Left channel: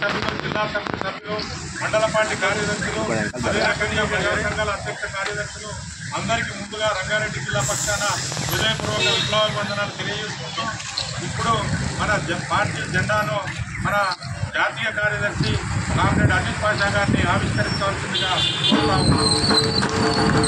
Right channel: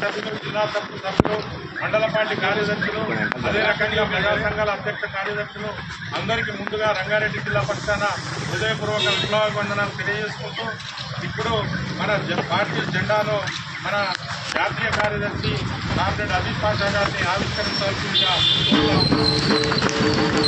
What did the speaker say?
సభ్యులు, జిల్లా సభ్యులు, మండల పార్టీ కార్యదర్శులు, అదే రకంగా ప్రజా సంఘాల అధ్యక్ష కార్యదర్శులు అందరికీ ముందుగా రంగారెడ్డి జిల్లా పక్షాన హృదయపూర్వక విప్లవాభివందనాలు తెలియజేసుకుంటూ ఇప్పుడు మన పార్టీ జెండాను మన జాతీయ కార్యదర్శి కామ్రేడ్ అజీజ్ పాషా గారిని ఆవిష్కరించవలసిందిగా కోరుతా ఉన్నాం.